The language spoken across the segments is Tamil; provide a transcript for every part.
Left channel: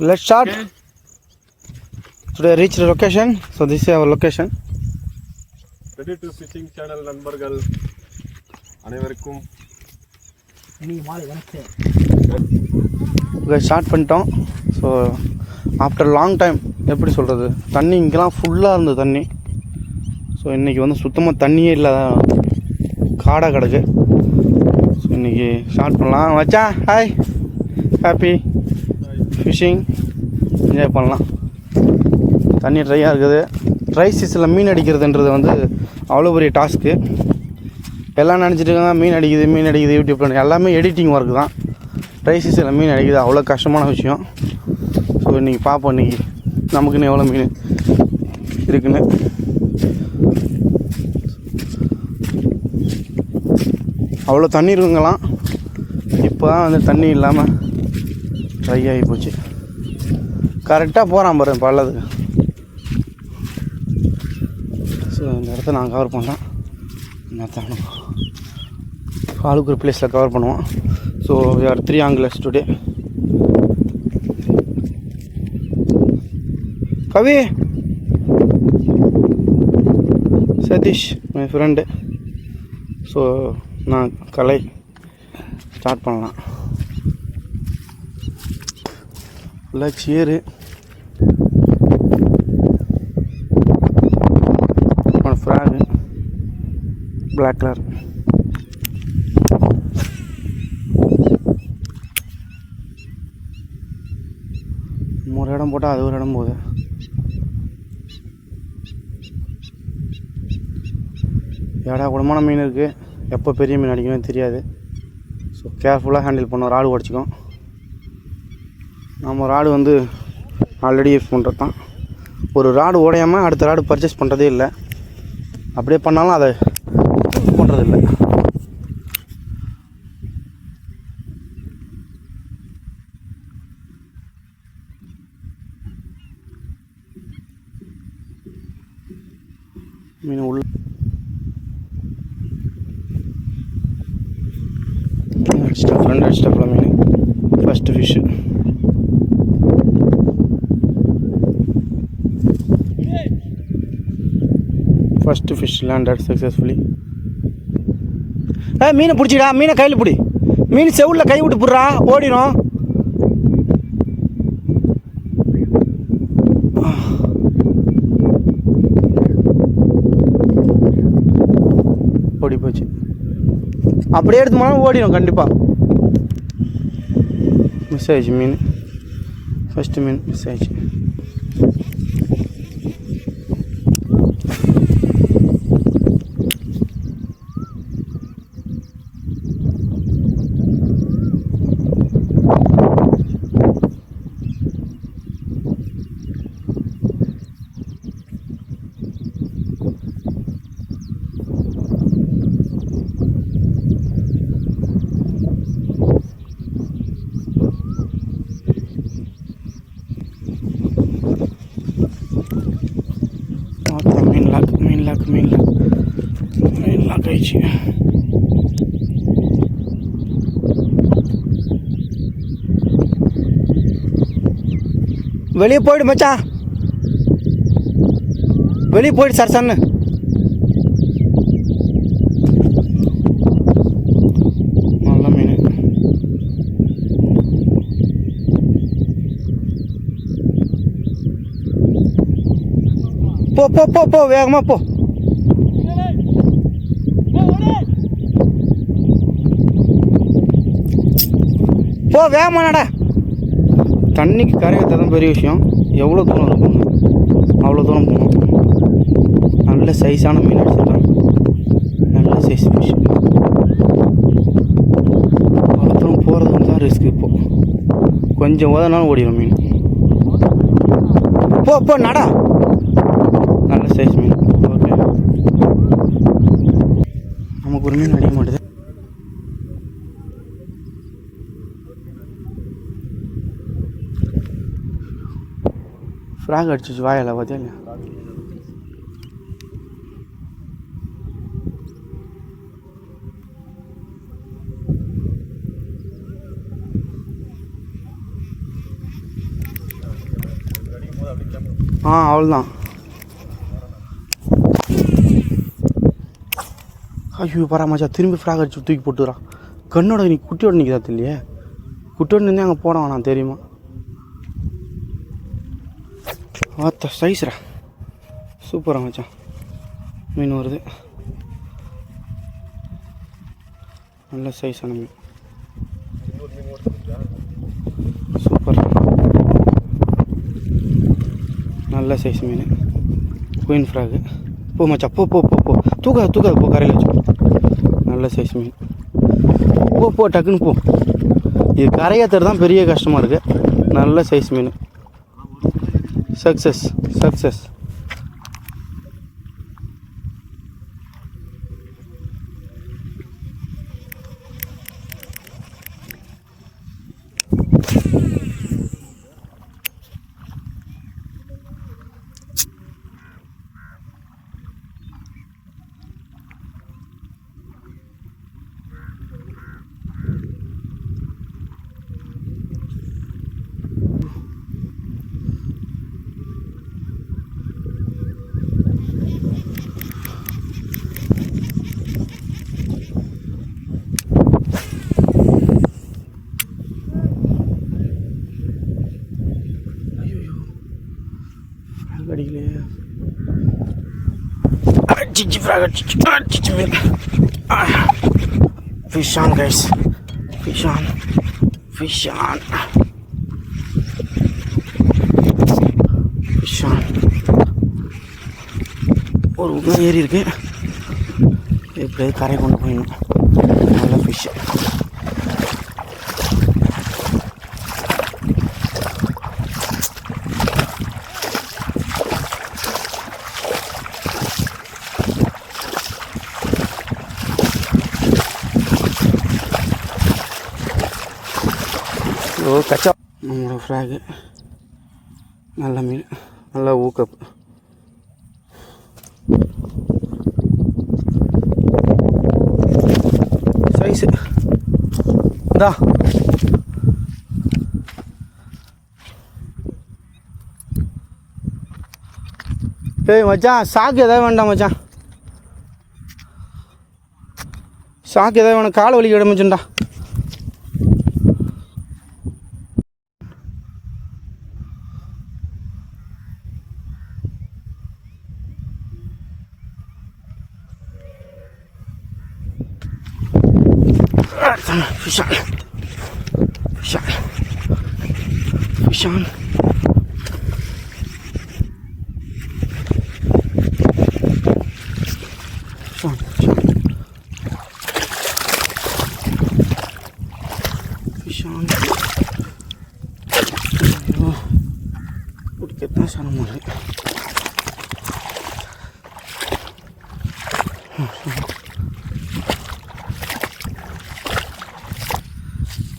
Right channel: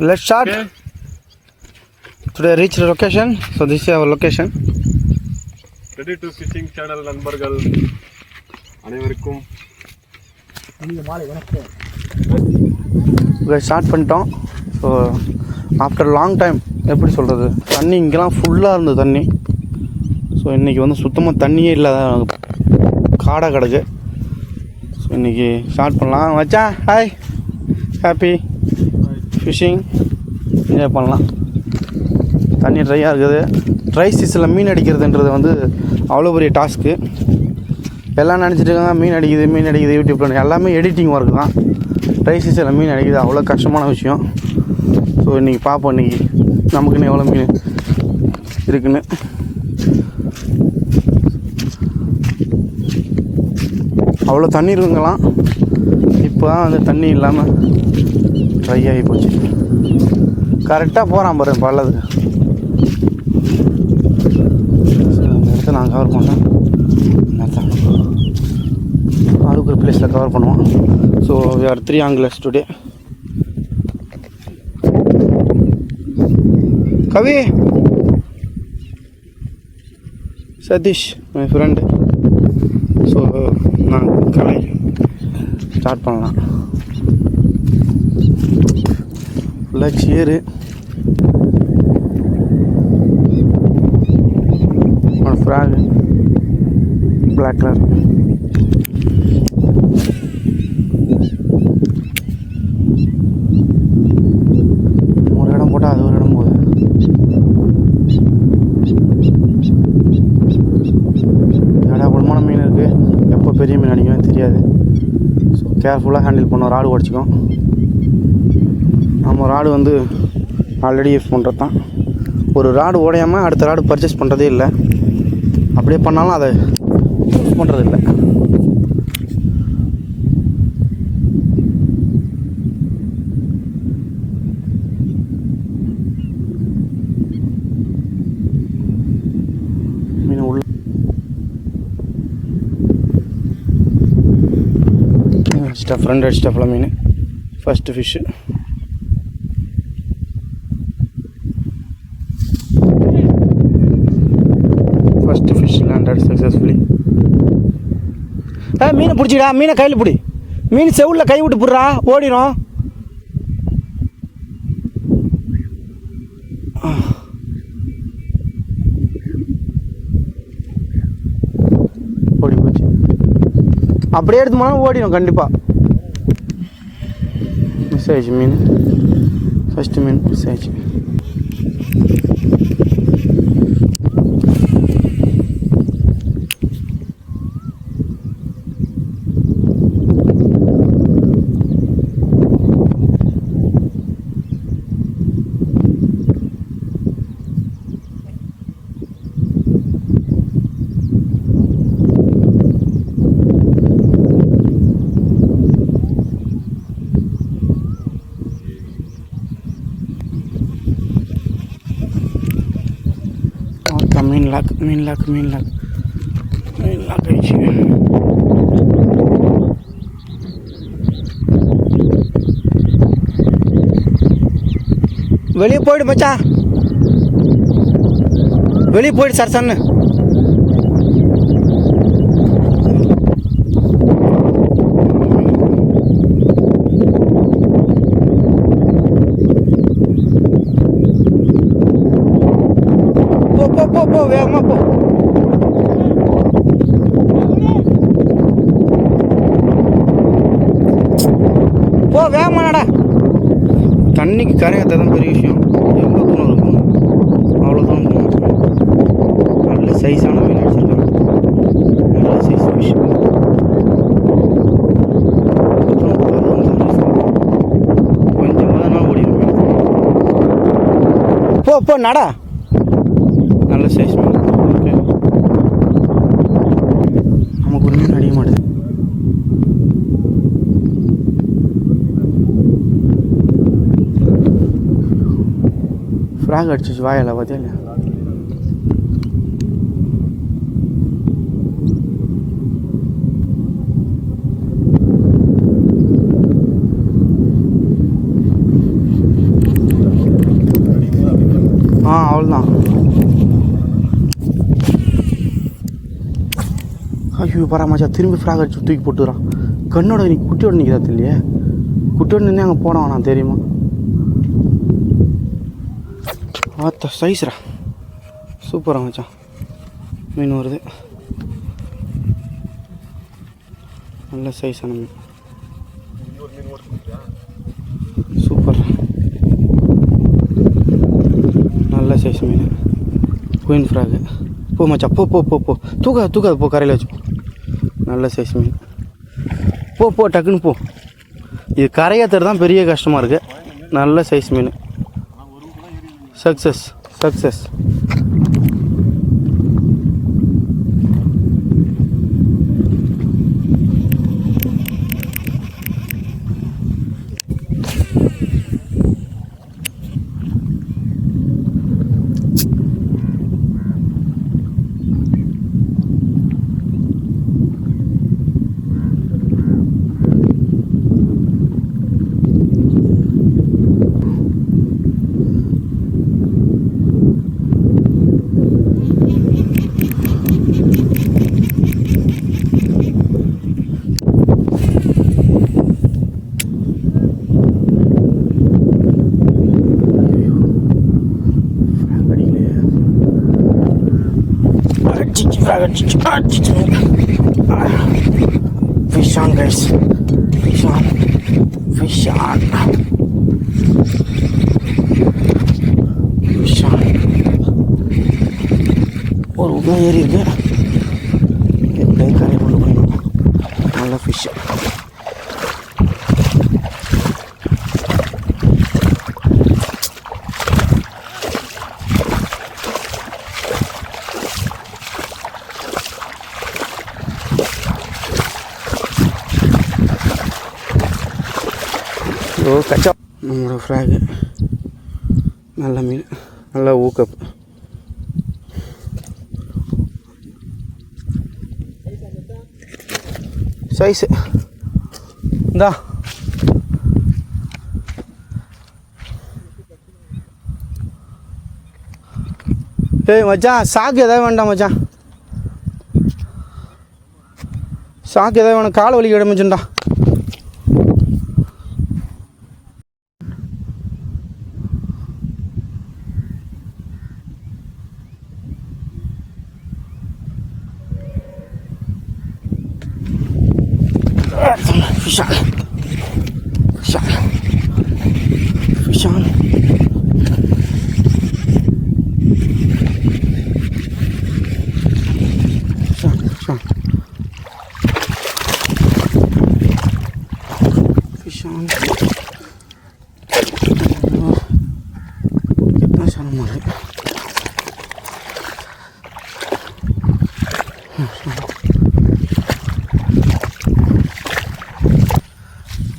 Let's start. Okay. Today I reached the location. So this is our location. Ready to fishing channel நண்பர்கள் அனைவருக்கும் ஸ்டார்ட் பண்ணிட்டோம். ஸோ ஆஃப்டர் லாங் டைம் எப்படி சொல்கிறது, தண்ணி இங்கெல்லாம் ஃபுல்லாக இருந்தது தண்ணி. ஸோ இன்றைக்கி வந்து சுத்தமாக தண்ணியே இல்லாத காடாக கிடக்கு. ஸோ இன்றைக்கி ஸ்டார்ட் பண்ணலாம். வச்சா ஹாய், ஹாப்பி ஃபிஷிங் என்ஜாய் பண்ணலாம். தண்ணி ட்ரையாக இருக்குது. ட்ரை சீசனில் மீன் அடிக்கிறதுன்றது வந்து அவ்வளோ பெரிய டாஸ்க்கு. எல்லாம் நினச்சிட்டு இருக்காங்க மீன் அடிக்குது யூடியூப்பில். எல்லாமே எடிட்டிங் ஒர்க் தான். ட்ரை சீசனில் மீன் அடிக்குது அவ்வளோ கஷ்டமான விஷயம். ஸோ இன்றைக்கி பார்ப்போம் இன்றைக்கி நமக்குன்னு எவ்வளோ மீன் இருக்குன்னு. அவ்வளோ தண்ணி இருக்குங்கலாம். இப்போ தான் வந்து தண்ணி இல்லாமல் ட்ரை ஆகி போச்சு. கரெக்டாக போகிறான் பாரு பள்ளத்துக்கு. ஸோ இந்த இடத்த நான் கவர் பண்ணேன். ஆளுக்கு ஒரு பிளேஸில் கவர் பண்ணுவோம். So we are 3 anglers today. Kavi, Sathish my friend. So நான் கலை ஸ்டார்ட் பண்ணலாம். ஃபுல்லாக சேரு, ஃப்ராகு, பிளாக் கலர். ஒரு இடம் போட்டால் அது ஒரு இடம் போகுது. ஏடா குடமான மீன் இருக்குது. எப்போ பெரிய மீன் அடிக்கணும்னு தெரியாது. ஸோ கேர்ஃபுல்லாக ஹேண்டில் பண்ணோம். ராடு உடச்சிக்கும். நம்ம ராடு வந்து ஆல்ரெடி யூஸ் பண்ணுறது தான். ஒரு ராடு உடையாமல் அடுத்த ராடு பர்ச்சேஸ் பண்ணுறதே இல்லை. அப்படியே பண்ணாலும் அதை யூஸ் பண்ணுறது இல்லை. மீன் உள்ள ஃப்ரெண்ட் அடிச்சிட்டாப்பில் மீன். First fish. First fish landed successfully. மீனை பிடிச்சிடா. மீனை கையில் பிடி. மீன் செவுளில் கை விட்டு போடுறா, ஓடிடும். ஓடி போச்சு. அப்படியே எடுத்து போனால் ஓடிடும் கண்டிப்பாக. மிஸ் ஆயிடுச்சு மீன். ஃபஸ்ட்டு மீன் மிஸ் ஆயிடுச்சு. மீன் லாக் ஆயிடுச்சு. வெளியே போயிடு மச்சான், வெளியே போயிடு சார் சன்னு. போ வேகமாக போ. வேகமாடா. தண்ணிக்கு கரையாற்ற தான் பெரிய விஷயம். எவ்வளோ தூரம் இருக்கும், அவ்வளோ தூரம் போகணும். நல்ல சைஸான மீன் அடிச்சிருக்காங்க. நல்ல சைஸ் ஃபிஷ். மொத்தம் போகிறது தான் ரிஸ்க். கொஞ்சம் உதனாலும் ஓடிடும் மீன். போ நடா. நல்ல சைஸ் மீன். ஓகே, நமக்கு ஒரு மீன் அடிக்க மாட்டேது. ஃப்ராக் அடிச்சிச்சு வாயில் பார்த்தியா இல்லையா? அவ்வளோதான். ஐயோ பராமச்சா திரும்பி ஃப்ராக் அடிச்சு தூக்கி போட்டுறான். கண்ணோட நீ குட்டியோட நிற்கிறா இல்லையே, குட்டியோட நின்று அங்கே போட வேணாம் தெரியுமா? ஆத்த சைஸ்ரா சூப்பராக மச்சான் மீன் வருது. நல்ல சைஸான மீன், சூப்பர் நல்ல சைஸ் மீன். Queen frog. போ மச்சா போ போ போ போ தூக்காது போ, கரையில் வச்சு. நல்ல சைஸ் மீன். போ டக்குன்னு போ. இது கரையாத்துறது தான் பெரிய கஷ்டமாக இருக்குது. நல்ல size mean. Success. Fish on guys, fish on. ஒரு உட்காந்து ஏறி இருக்கு. எப்படியாவது கரை கொண்டு போயிடணும். நல்ல ஃபிஷ். கச்சா நம்மளோட ஃப்ராகு. நல்ல மீன், நல்ல ஊக்கப். சைஸு இந்தா. ஏய் மச்சான், சாக்கு எதாவது வேண்டாம் மச்சான், சாக்கு எதாவது வேணும். காலை வலிக்க விட மச்சான்டா. Fish on. Fish on. Fish on. Fish on. कितना सारा मार है.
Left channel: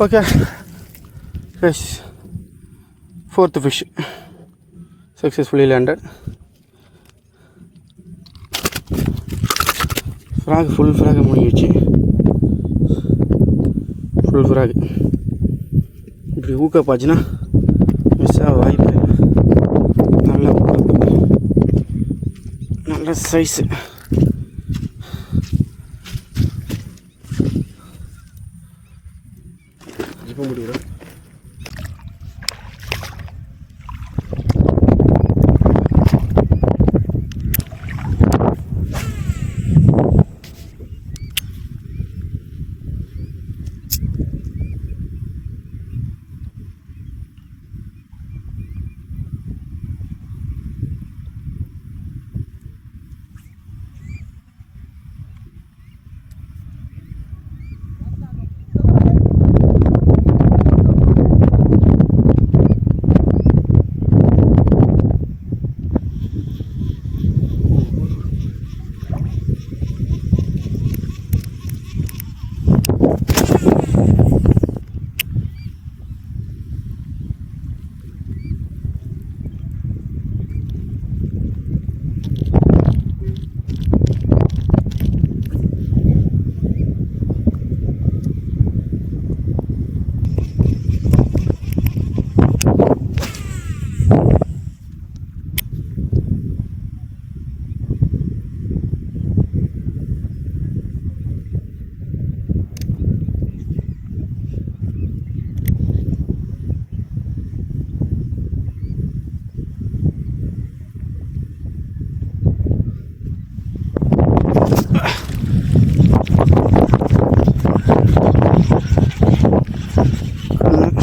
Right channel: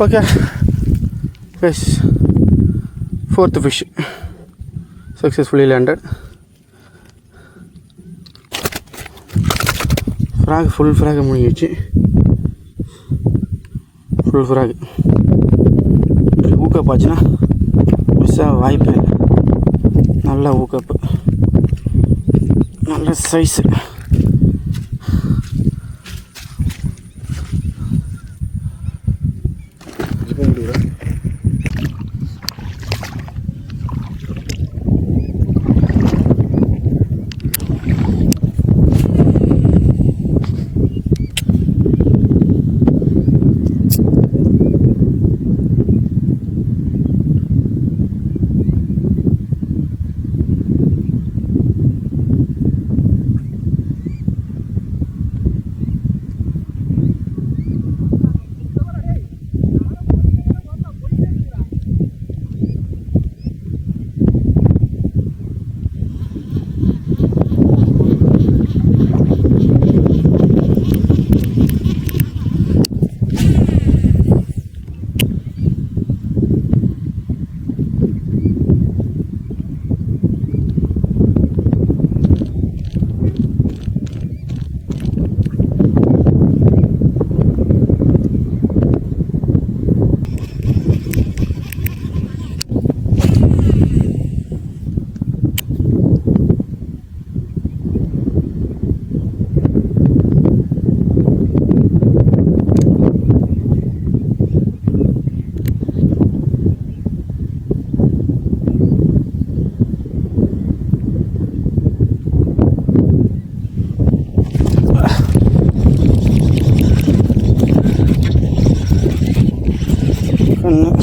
Okay guys, fourth fish successfully landed. Frog, full frog முடிஞ்சிச்சு. full frog. இப்படி ஊக்கப் ஆச்சுன்னா மிஸ் ஆக வாய்ப்பே இல்லை. நல்ல ஊக்கப்பு, நல்ல சைஸு.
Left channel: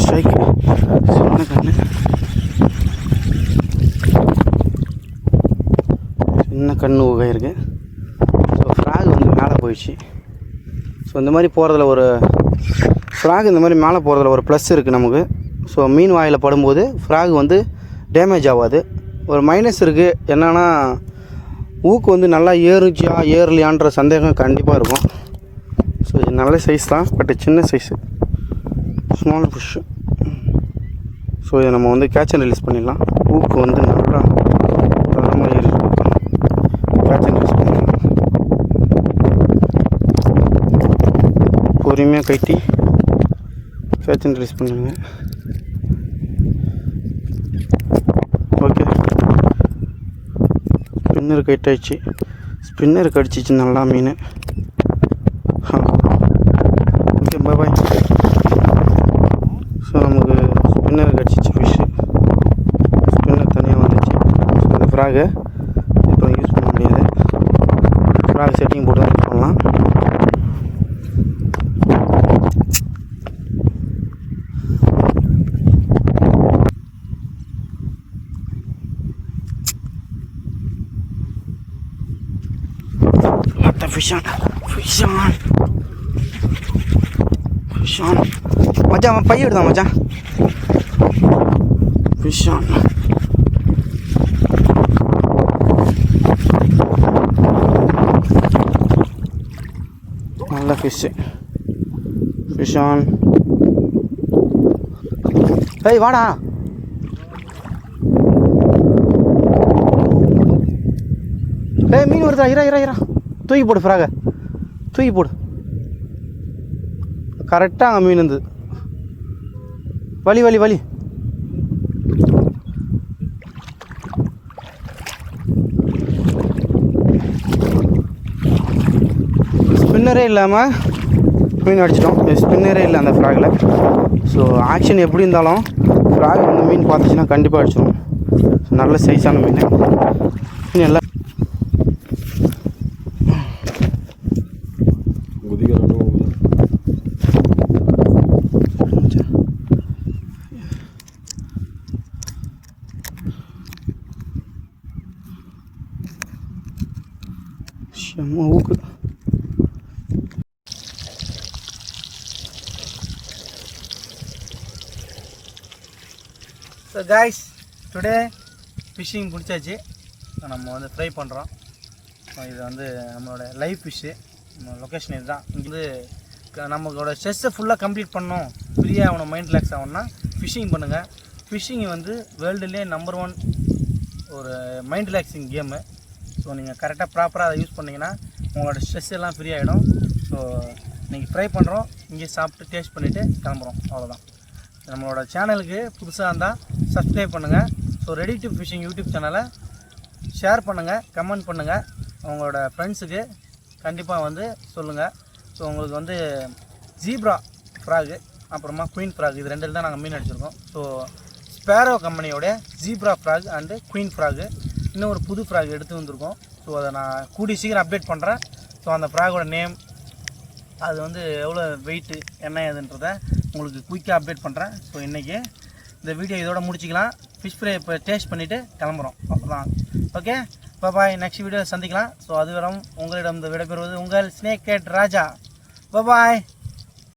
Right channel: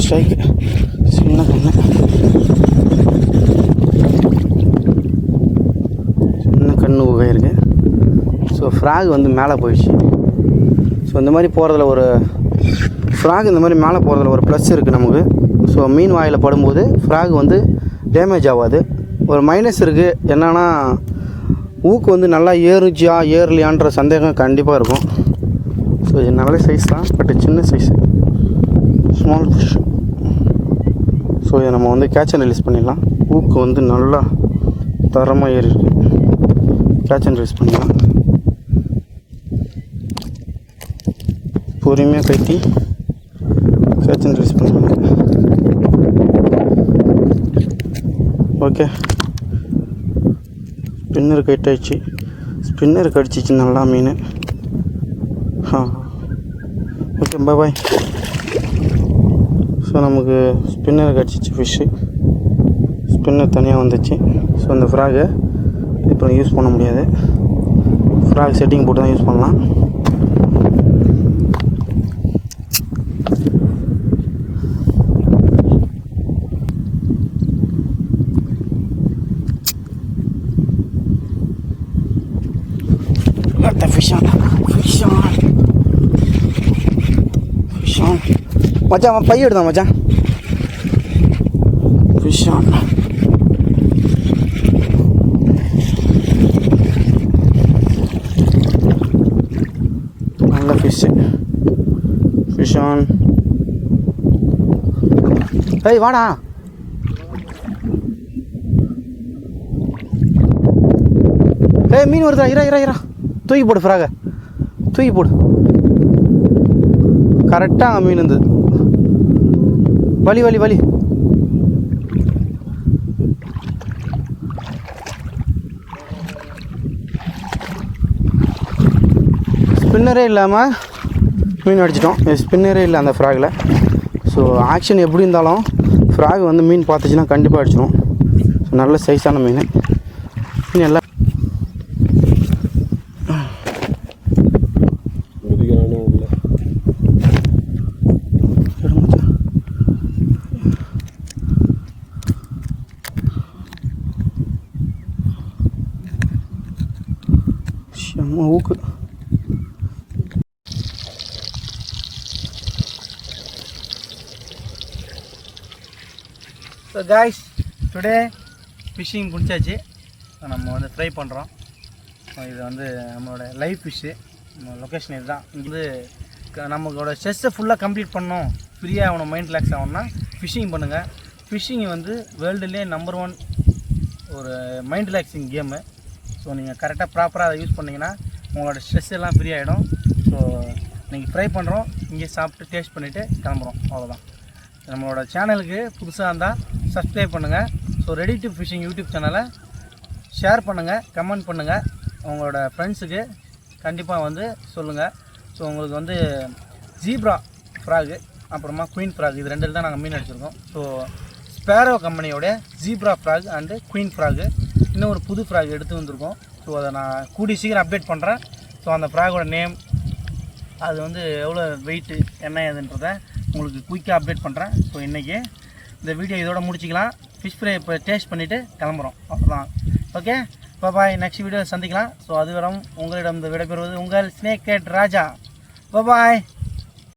ஸ்ட்ரைக் சின்ன கண்ணு சின்ன கண்ணு ஊகை இருக்குது. ஸோ ஃப்ராக் வந்து மேலே போயிடுச்சு. ஸோ இந்த மாதிரி போகிறதுல ஒரு ஃப்ராக் இந்த மாதிரி மேலே போகிறதுல ஒரு ப்ளஸ் இருக்குது நமக்கு. ஸோ மீன் வாயில் படும்போது ஃப்ராக் வந்து டேமேஜ் ஆகாது. ஒரு மைனஸ் இருக்குது என்னென்னா ஊக்கு வந்து நல்லா ஏறுச்சா ஏறலையான்ற சந்தேகம் கண்டிப்பாக இருக்கும். ஸோ இது நல்ல சைஸ் தான், பட் சின்ன சைஸு ஸ்மால் ஃபிஷ். ஸோ இதை நம்ம வந்து கேட்ச் அண்ட் ரிலீஸ் பண்ணிடலாம். ஊக்கு வந்து நல்லா தரமாக ஏறி இருக்கும். கேட்ச் அண்ட் ரிலீஸ் பண்ணிடலாம். பொறுமையாக கைட்டி கேட்ச் அண்ட் ரிலீஸ் பண்ணுங்க. ஓகே, ஸ்பின்னர் கைட் ஆயிடுச்சு. ஸ்பின்னர் கடிச்சிச்சு நல்லா மீன். ஓகே, பாய். ஸோ நமக்கு ஸ்பின்னர் கடிச்சிச்சு ஃபிஷ்ஷு. ஸ்பின்னர் தனியாக வந்துச்சு. ஸோ அந்த ஃப்ராகை இப்போ யூஸ் பண்ண முடியாது. ஃப்ராக் செட்டிங் போட்டு தான் யூஸ் பண்ணலாம். Fish on மச்சான் பை எடுத்தான் மச்சான். Fish on. நல்ல ஃபிஷ்ஷு. Fish on. ஏய் வாடா. ஏய் மீன் வருதா? இரா தூக்கி போடு ஃப்ராக, தூக்கி போடு. கரெக்டாக அங்கே மீன் இருந்தது. வலி ஸ்பின்னரே இல்லாமல் மீன் அடிச்சிட்டோம். ஸ்பின்னரே இல்லை அந்த ஃப்ராகில். ஸோ ஆக்ஷன் எப்படி இருந்தாலும் ஃப்ராக் வந்து மீன் பார்த்துச்சுன்னா கண்டிப்பாக அடிச்சிடும். நல்ல சைஸான மீன். மீன் எல்லாம் ஊக்கு. ஸோ காய்ஸ், டுடே ஃபிஷ்ஷிங் பிடிச்சாச்சு. நம்ம வந்து ஃப்ரை பண்ணுறோம். இது வந்து நம்மளோட லைவ் ஃபிஷ்ஷு. நம்ம லொக்கேஷன் இதுதான். இங்கே நம்மளோட ஸ்ட்ரெஸ்ஸை ஃபுல்லாக கம்ப்ளீட் பண்ணணும், ஃப்ரீயாக ஆகணும், மைண்ட் ரிலாக்ஸ் ஆகணும்னா ஃபிஷ்ஷிங் பண்ணுங்கள். ஃபிஷ்ஷிங் வந்து வேர்ல்டுலேயே நம்பர் 1 ஒரு மைண்ட் ரிலாக்ஸிங் கேமு. ஸோ நீங்கள் கரெக்டாக ப்ராப்பராக அதை யூஸ் பண்ணிங்கன்னா உங்களோட ஸ்ட்ரெஸ் எல்லாம் ஃப்ரீ ஆகிடும். ஸோ இன்றைக்கி ஃப்ரை பண்ணுறோம், இங்கே சாப்பிட்டு டேஸ்ட் பண்ணிவிட்டு கிளம்புறோம். அவ்வளோதான். நம்மளோட சேனலுக்கு புதுசாக இருந்தால் சப்ஸ்கிரைப் பண்ணுங்கள். So ready to fishing YouTube சேனலை ஷேர் பண்ணுங்கள், கமெண்ட் பண்ணுங்கள். உங்களோட ஃப்ரெண்ட்ஸுக்கு கண்டிப்பாக வந்து சொல்லுங்கள். ஸோ உங்களுக்கு வந்து ஜீப்ரா ஃப்ராகு அப்புறமா குயின் ஃப்ராக் இது 2 தான் நாங்கள் மீன் அடிச்சிருக்கோம். ஸோ ஸ்பேரோ கம்பெனியோடைய zebra frog and queen frog இன்னும் ஒரு புது ஃப்ராக் எடுத்து வந்திருக்கோம். ஸோ அதை நான் கூடி சீக்கிரம் அப்டேட் பண்ணுறேன். ஸோ அந்த ஃப்ராகோட நேம், அது வந்து எவ்வளோ வெயிட்டு என்ன ஏதுன்றதை உங்களுக்கு குயிக்காக அப்டேட் பண்ணுறேன். ஸோ இன்றைக்கி இந்த வீடியோ இதோட முடிச்சிக்கலாம். ஃபிஷ் ஃப்ரை இப்போ டேஸ்ட் பண்ணிவிட்டு கிளம்புறோம். அவ்வளோதான். ஓகே, பாய். நெக்ஸ்ட் வீடியோவில் சந்திக்கலாம். ஸோ அதுவரை உங்களிடம் விடைபெறுவது உங்கள் ஸ்னேக் கேட் ராஜா. பாய்.